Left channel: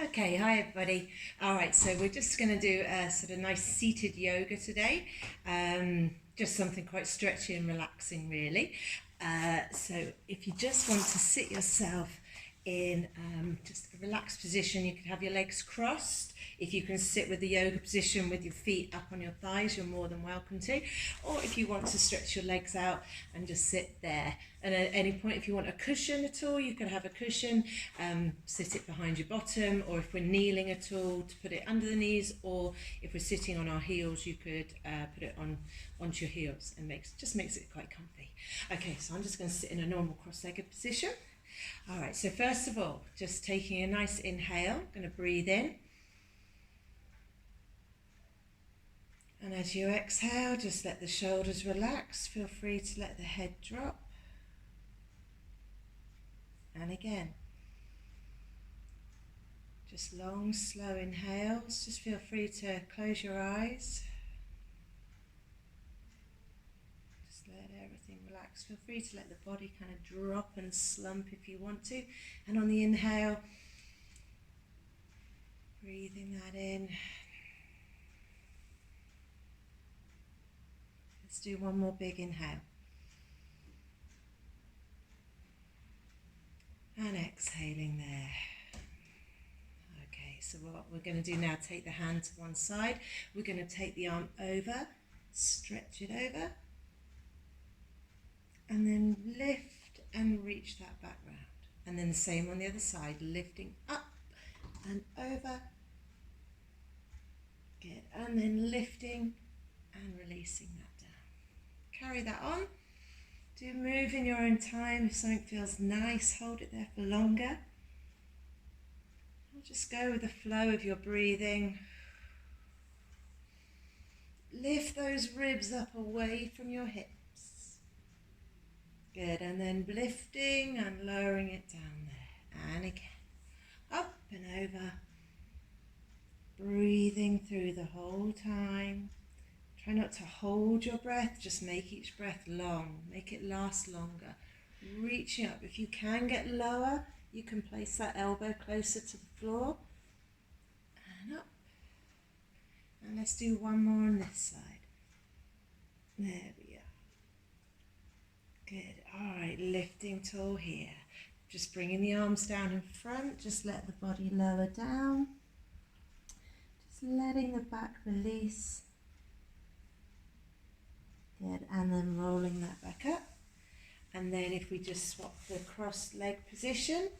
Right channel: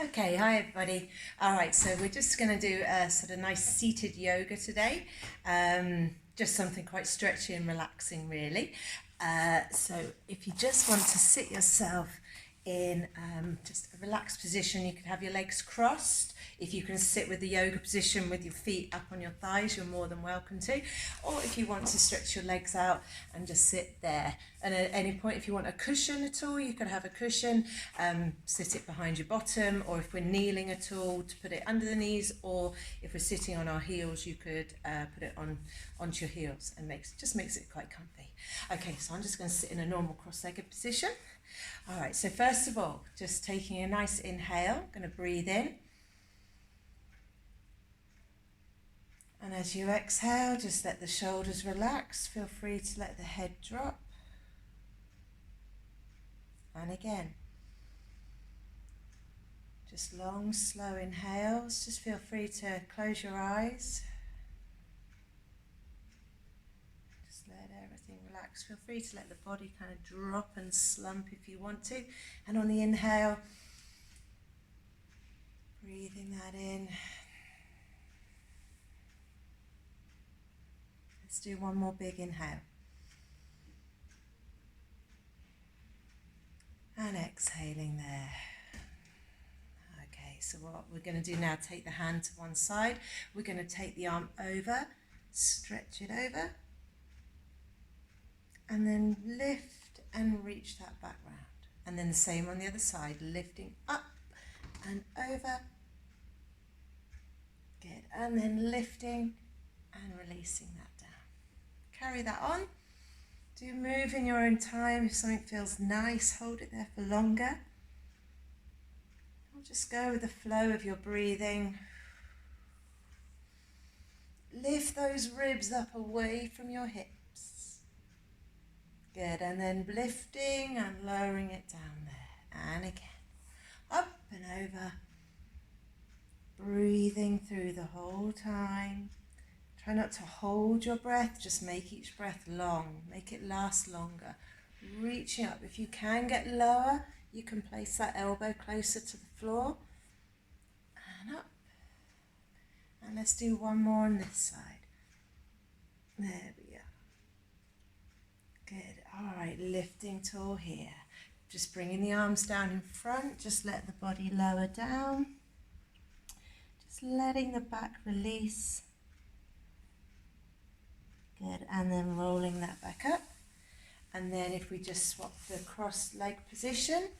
Okay, hi everybody. All right, so we're just going to do a sort of nice seated yoga today. Just something quite stretchy and relaxing, really. So if you just want to sit yourself in just a relaxed position, you can have your legs crossed. If you can sit with the yoga position with your feet up on your thighs, you're more than welcome to. Or if you want to stretch your legs out and just sit there. And at any point, if you want a cushion at all, you could have a cushion, sit it behind your bottom, or if we're kneeling at all, to put it under the knees, or if we're sitting on our heels, you could put it onto your heels, and just makes it quite comfy. Okay, so I'm just going to sit in a normal cross-legged position. All right, so first of all, just taking a nice inhale, going to breathe in. And as you exhale, just let the shoulders relax. Feel free to let the head drop. And again, just long, slow inhales. Just feel free to close your eyes. Just let everything relax. Feel free to let the body kind of drop and slump if you want to. And on the inhale, breathing that in. Let's do one more big inhale. And exhaling there. Okay, so what we're going to do now, take the hand to one side. We're going to take the arm over, stretch it over, and then lift and reach that back round. And then the same on the other side, lifting up and over. Good, and then lifting and releasing that down. Carry that on. Do move in your own time. If something feels nice, hold it there for longer. Or just go with the flow of your breathing. Lift those ribs up away from your hips. Good, and then lifting and lowering it down there. And again, up and over. Breathing through the whole time. Try not to hold your breath, just make each breath long, make it last longer. Reaching up. If you can get lower, you can place that elbow closer to the floor. And up. And let's do one more on this side. There we are. Good. All right, lifting tall here. Just bringing the arms down in front, just let the body lower down. Just letting the back release. Good, and then rolling that back up. And then if we just swap the cross leg position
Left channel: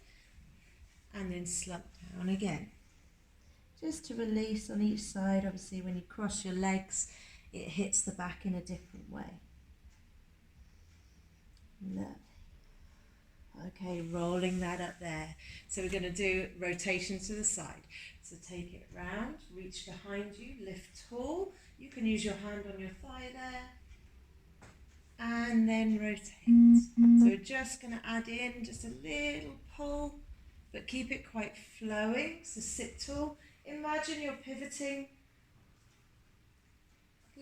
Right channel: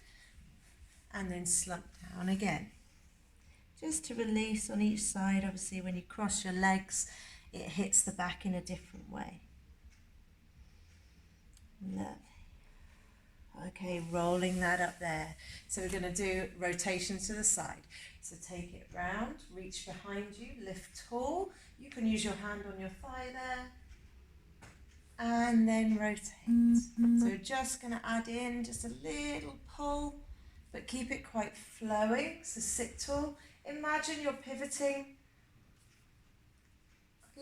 and then slump down again. Just to release on each side. Obviously when you cross your legs, it hits the back in a different way. Lovely. Okay, rolling that up there. So we're going to do rotation to the side. So take it round, reach behind you, lift tall. You can use your hand on your thigh there. And then rotate. So we're just going to add in just a little pull, but keep it quite flowing. So sit tall. Imagine you're pivoting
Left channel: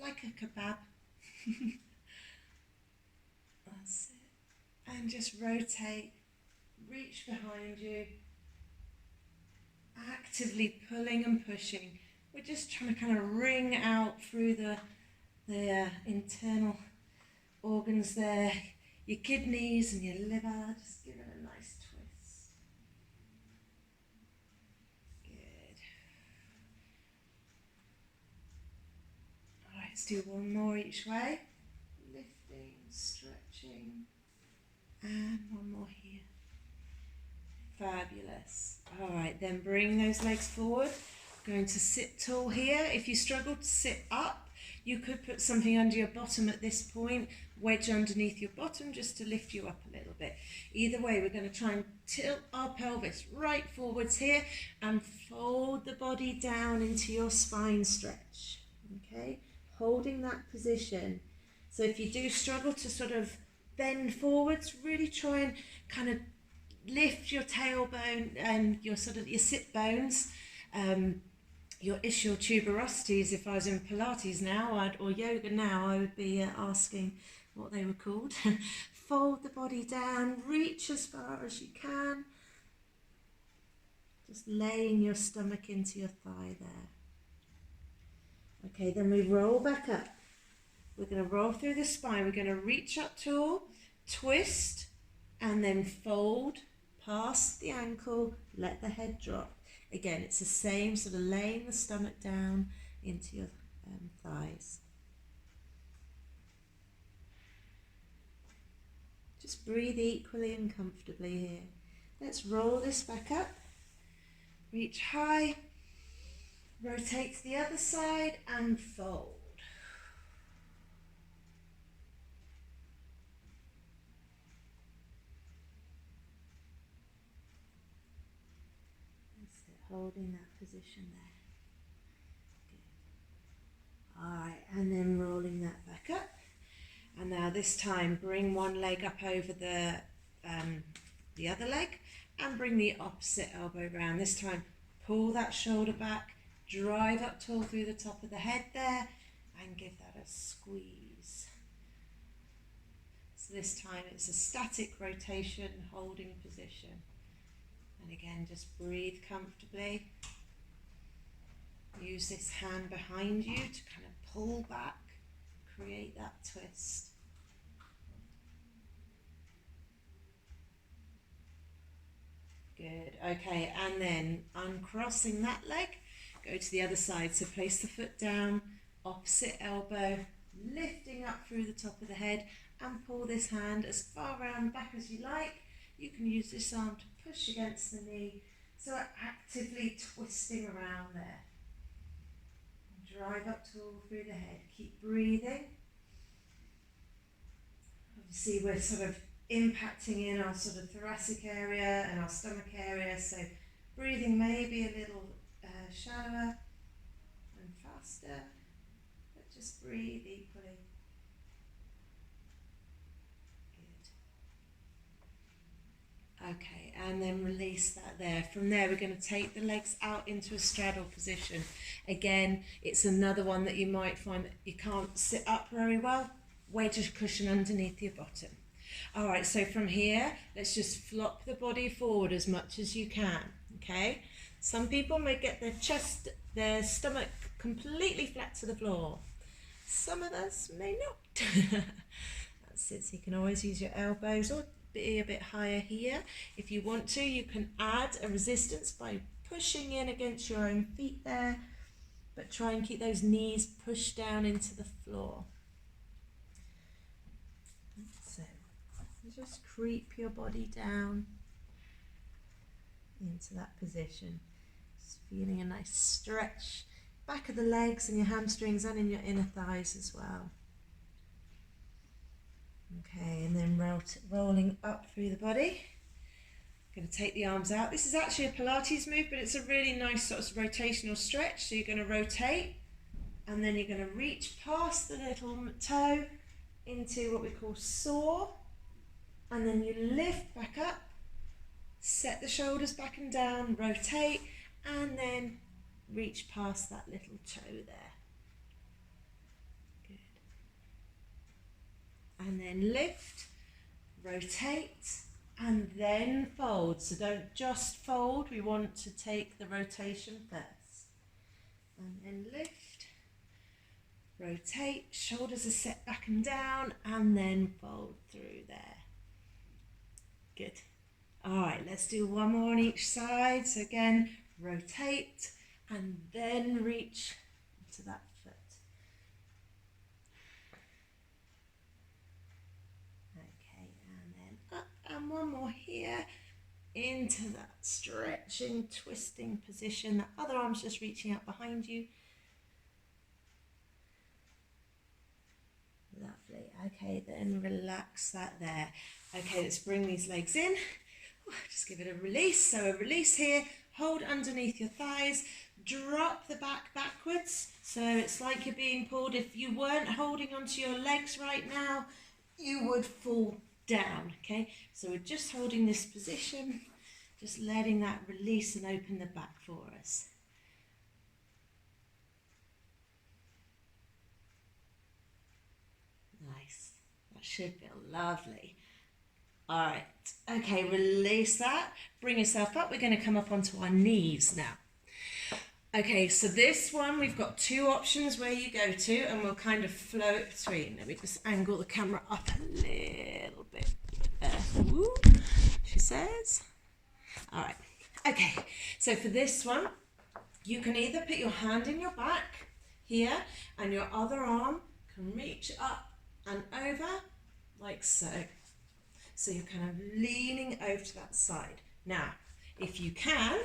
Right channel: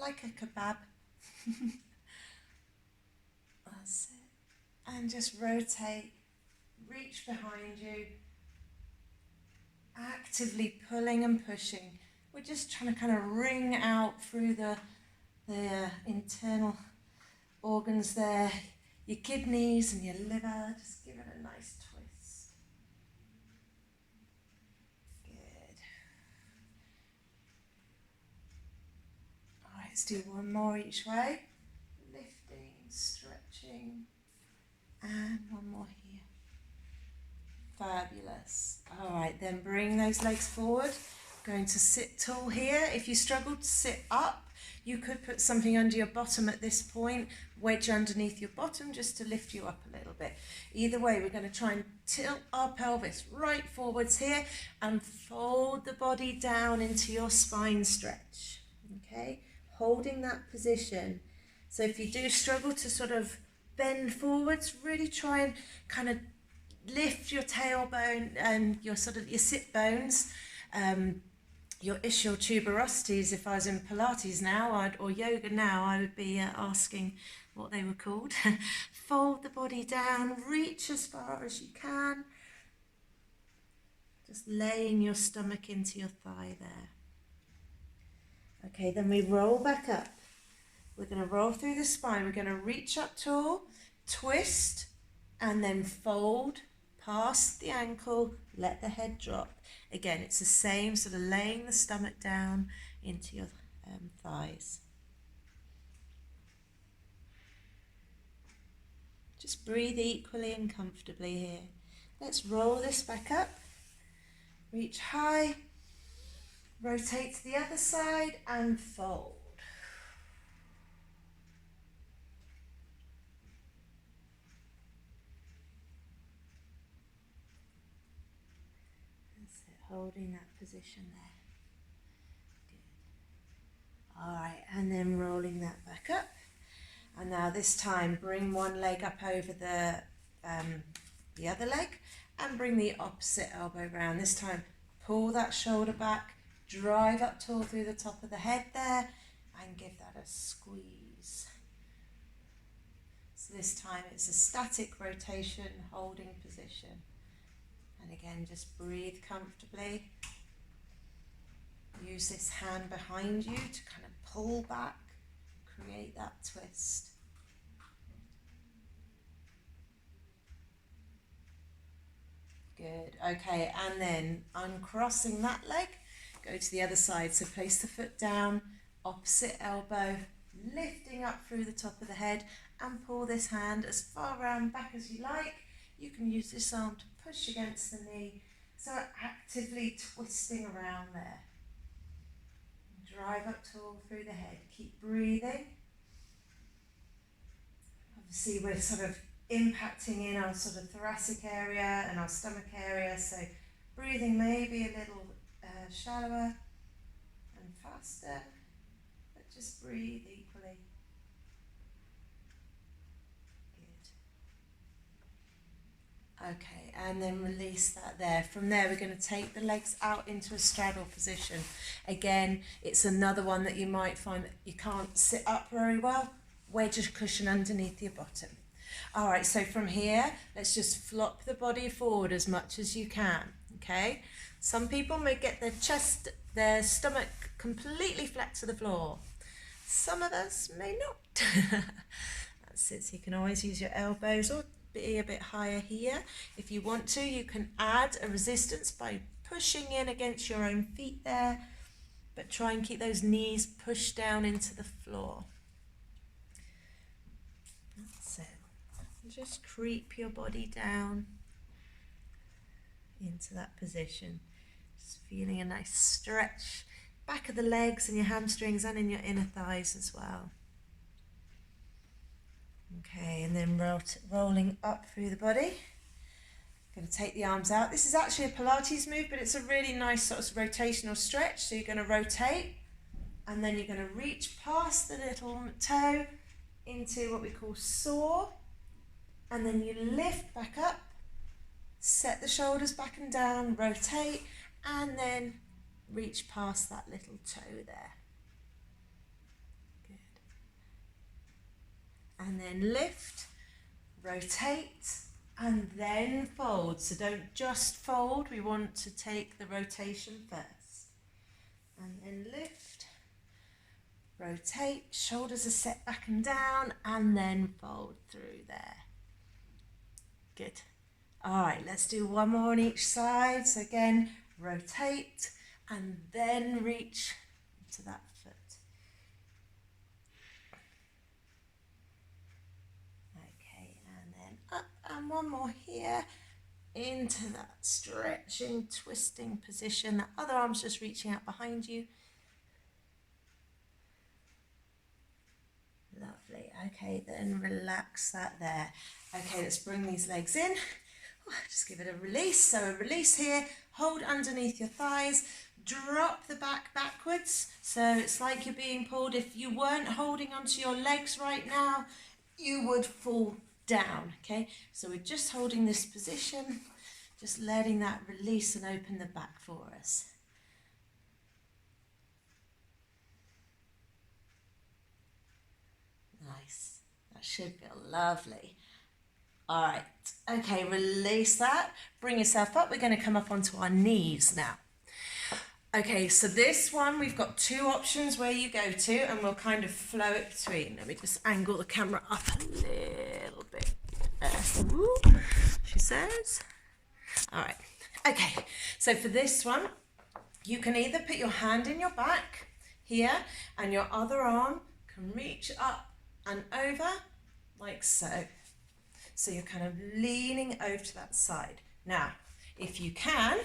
like a kebab. That's it. And just rotate, reach behind you, actively pulling and pushing. We're just trying to kind of wring out through the internal organs there, your kidneys and your liver, just give it a nice twist. Good. All right, let's do one more each way. Lifting, stretching, and one more here. Fabulous. All right, then bring those legs forward. Going to sit tall here. If you struggle to sit up, you could put something under your bottom at this point, wedge underneath your bottom just to lift you up a little bit. Either way, we're going to try and tilt our pelvis right forwards here and fold the body down into your spine stretch. Okay, holding that position. So if you do struggle to sort of bend forwards, really try and kind of lift your tailbone and your sit bones. Your ischial tuberosities, if I was in Pilates now or yoga now, I would be asking what they were called. Fold the body down, reach as far as you can. Just laying your stomach into your thigh there. Okay, then we roll back up. We're going to roll through the spine. We're going to reach up tall, twist, and then fold past the ankle, let the head drop. Again, it's the same, sort of laying the stomach down into your thighs. Just breathe equally and comfortably here. Let's roll this back up. Reach high, rotate to the other side and fold. That's it, holding that position there. Good. All right, and then rolling that back up. And now this time, bring one leg up over the other leg and bring the opposite elbow round. This time, pull that shoulder back, drive up tall through the top of the head there, and give that a squeeze. So this time it's a static rotation, holding position. And again, just breathe comfortably. Use this hand behind you to kind of pull back, create that twist. Good. Okay, and then uncrossing that leg, go to the other side. So place the foot down, opposite elbow, lifting up through the top of the head, and pull this hand as far around back as you like. You can use this arm to push against the knee, so actively twisting around there. Drive up tall through the head. Keep breathing. Obviously, we're sort of impacting in our sort of thoracic area and our stomach area, so breathing may be a little shallower and faster, but just breathe equally. Good. Okay, and then release that there. From there, we're going to take the legs out into a straddle position. Again, it's another one that you might find that you can't sit up very well. Wedge a cushion underneath your bottom. All right, so from here, let's just flop the body forward as much as you can, okay? Some people may get their stomach completely flat to the floor. Some of us may not. That's it, so you can always use your elbows or be a bit higher here. If you want to, you can add a resistance by pushing in against your own feet there, but try and keep those knees pushed down into the floor. That's it. Just creep your body down into that position. Just feeling a nice stretch back of the legs and your hamstrings and in your inner thighs as well. Okay, and then rolling up through the body. Going to take the arms out. This is actually a Pilates move, but it's a really nice sort of rotational stretch. So you're going to rotate, and then you're going to reach past the little toe into what we call saw, and then you lift back up, set the shoulders back and down, rotate, and then reach past that little toe there. Good. And then lift, rotate, and then fold. So don't just fold, we want to take the rotation first. And then lift, rotate, shoulders are set back and down, and then fold through there. Good. All right, let's do one more on each side. So again, rotate and then reach to that foot. Okay, and then up and one more here into that stretching, twisting position. That other arm's just reaching out behind you. Lovely. Okay, then relax that there. Okay, let's bring these legs in. Just give it a release. So a release here. Hold underneath your thighs. Drop the back backwards. So it's like you're being pulled. If you weren't holding onto your legs right now, you would fall down. Okay, so we're just holding this position. Just letting that release and open the back for us. Nice. That should feel lovely. All right. Okay, release that. Bring yourself up. We're going to come up onto our knees now. Okay, so this one, we've got two options where you go to, and we'll kind of flow it between. Let me just angle the camera up a little bit. Woo, she says. All right. Okay, so for this one, you can either put your hand in your back here, and your other arm can reach up and over, like so. So you're kind of leaning over to that side. Now, if you can,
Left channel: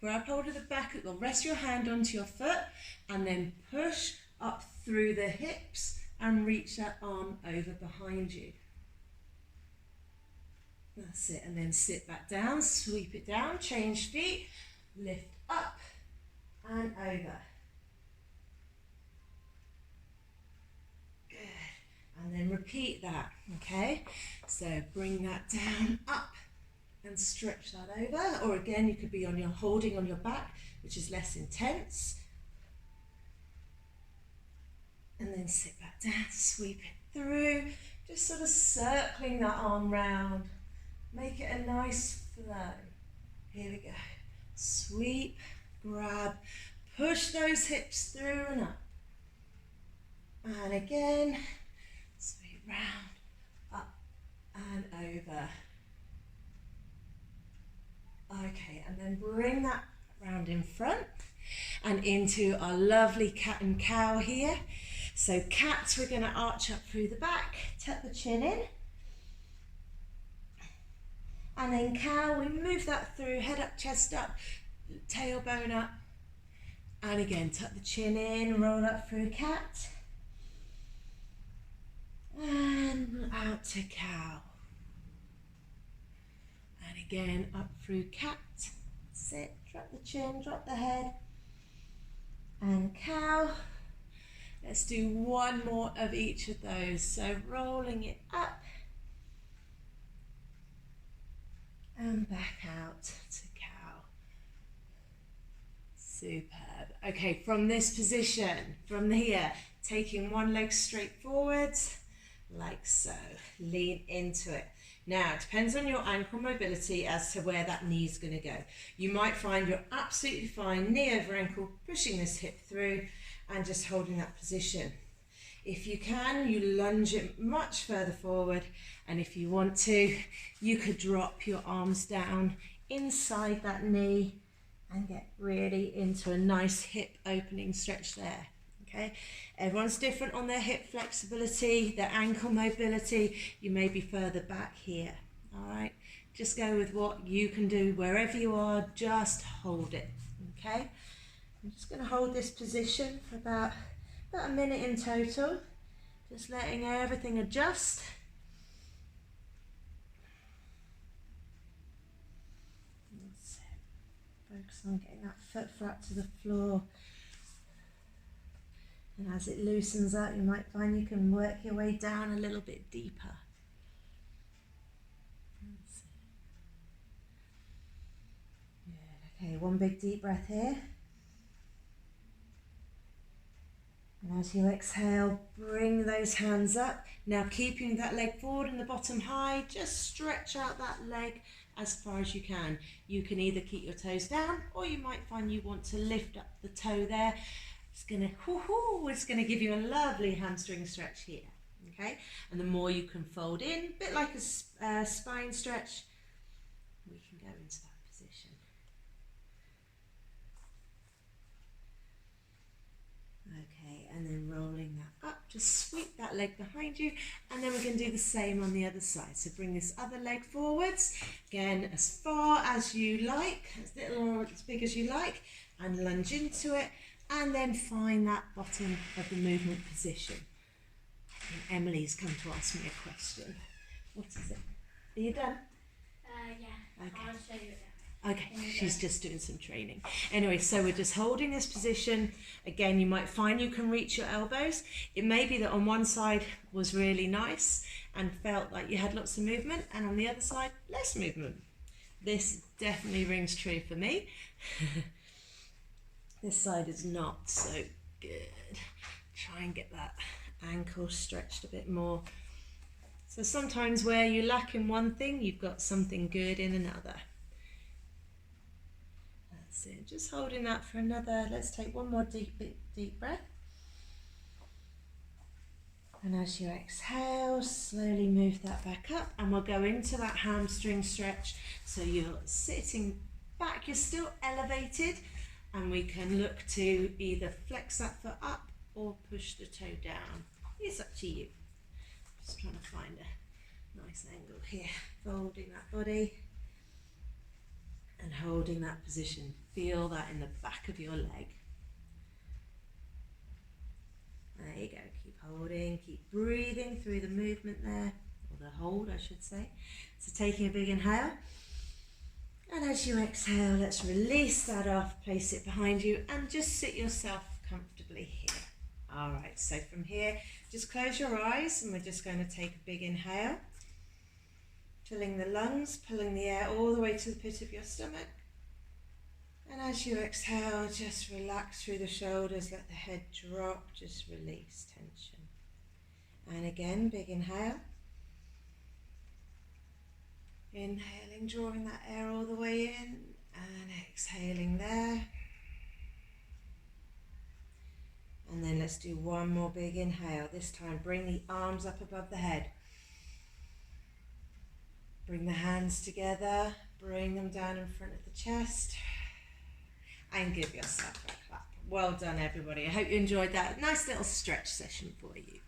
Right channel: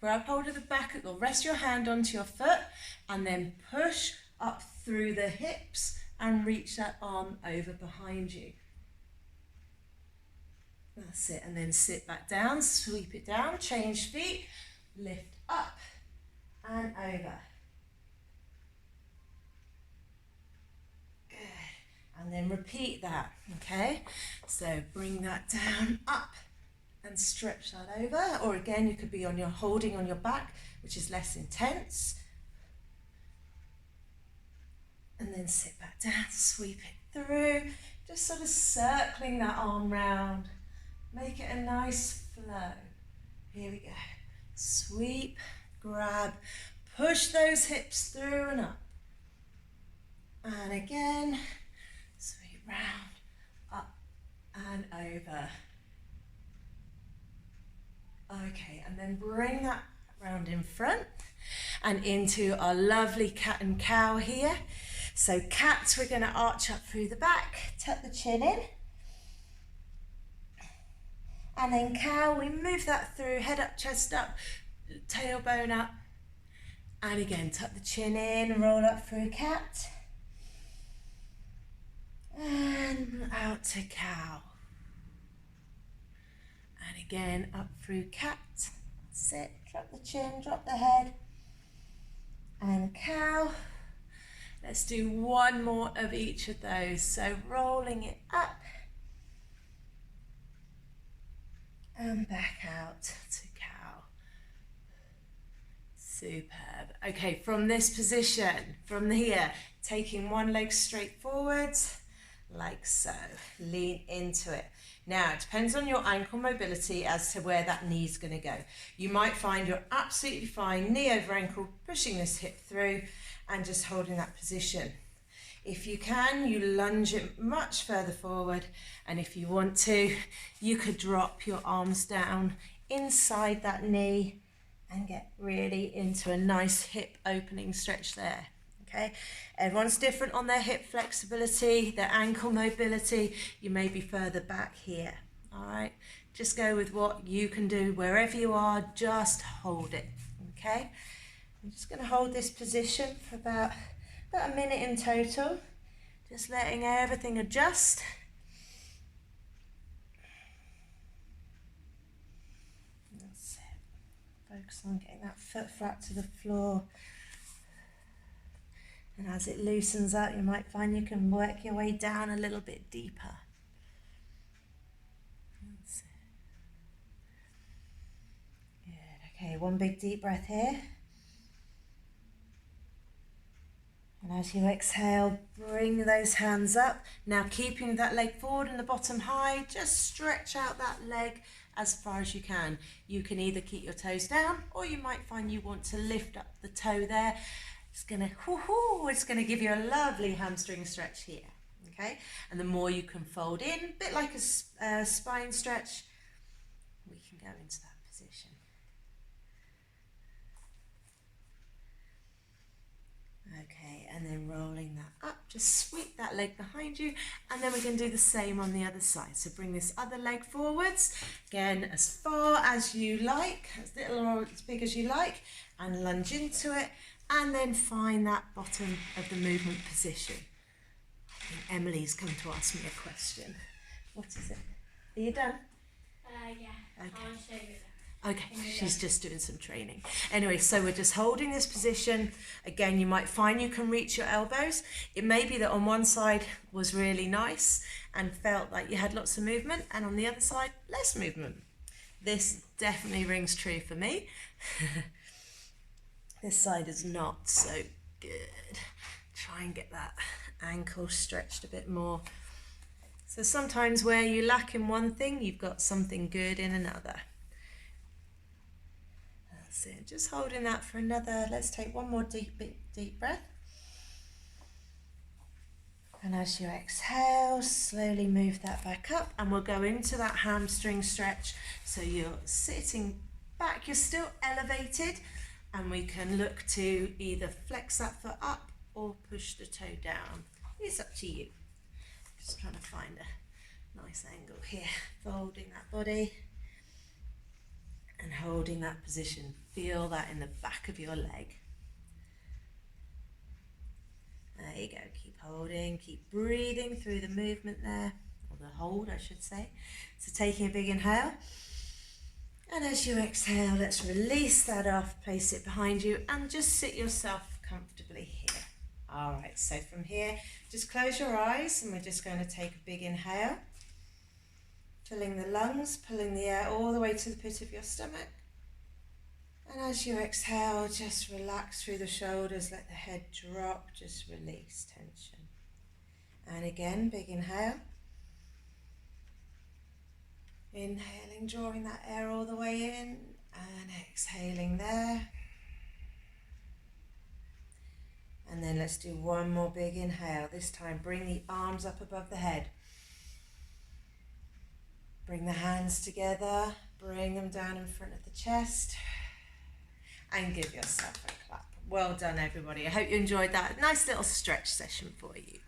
grab hold of the back, or rest your hand onto your foot, and then push up through the hips and reach that arm over behind you. That's it, and then sit back down, sweep it down, change feet, lift up and over. Good. And then repeat that, okay? So bring that down, up, and stretch that over. Or again, you could be holding on your back, which is less intense. And then sit back down, sweep it through, just sort of circling that arm round. Make it a nice flow. Here we go. Sweep, grab, push those hips through and up. And again, sweep round, up and over. Okay, and then bring that round in front and into our lovely cat and cow here. So cats, we're going to arch up through the back, tuck the chin in. And then cow, we move that through, head up, chest up, tailbone up. And again, tuck the chin in, roll up through cat. And out to cow. And again, up through cat. Sit, drop the chin, drop the head. And cow. Let's do one more of each of those. So rolling it up. And back out to cow. Superb. Okay, from this position, from here, taking one leg straight forwards, like so. Lean into it. Now, it depends on your ankle mobility as to where that knee's going to go. You might find you're absolutely fine, knee over ankle, pushing this hip through and just holding that position. If you can, you lunge it much further forward, and if you want to, you could drop your arms down inside that knee and get really into a nice hip opening stretch there. Okay, everyone's different on their hip flexibility, their ankle mobility. You may be further back here. All right, just go with what you can do wherever you are. Just hold it. Okay, I'm just going to hold this position for about a minute in total, just letting everything adjust. That's it. Focus on getting that foot flat to the floor. And as it loosens up, you might find you can work your way down a little bit deeper. That's it. Good. Okay, one big deep breath here. And as you exhale, bring those hands up. Now keeping that leg forward and the bottom high, just stretch out that leg as far as you can. You can either keep your toes down, or you might find you want to lift up the toe there. It's gonna give you a lovely hamstring stretch here, okay? And the more you can fold in, a bit like a spine stretch, we can go into that position. Okay, and then rolling that up, just sweep that leg behind you, and then we're going to do the same on the other side. So bring this other leg forwards, again, as far as you like, as little or as big as you like, and lunge into it, and then find that bottom of the movement position. I think Emily's come to ask me a question. What is it? Are you done? Yeah, okay. I'll show you that. Okay, she's just doing some training. Anyway, so we're just holding this position. Again, you might find you can reach your elbows. It may be that on one side was really nice and felt like you had lots of movement, and on the other side, less movement. This definitely rings true for me. This side is not so good. Try and get that ankle stretched a bit more. So sometimes where you lack in one thing, you've got something good in another. That's it. Just holding that for another, let's take one more deep breath. And as you exhale, slowly move that back up, and we'll go into that hamstring stretch. So you're sitting back, you're still elevated, and we can look to either flex that foot up or push the toe down. It's up to you. Just trying to find a nice angle here. Folding that body and holding that position. Feel that in the back of your leg. There you go, keep holding, keep breathing through the movement there, or the hold I should say. So taking a big inhale, and as you exhale, let's release that off, place it behind you, and just sit yourself comfortably here. All right, so from here, just close your eyes, and we're just going to take a big inhale, filling the lungs, pulling the air all the way to the pit of your stomach. And as you exhale, just relax through the shoulders, let the head drop, just release tension. And again, big inhale. Inhaling, drawing that air all the way in, and exhaling there. And then let's do one more big inhale. This time, bring the arms up above the head. Bring the hands together, bring them down in front of the chest. And give yourself a clap. Well done, everybody. I hope you enjoyed that. Nice little stretch session for you.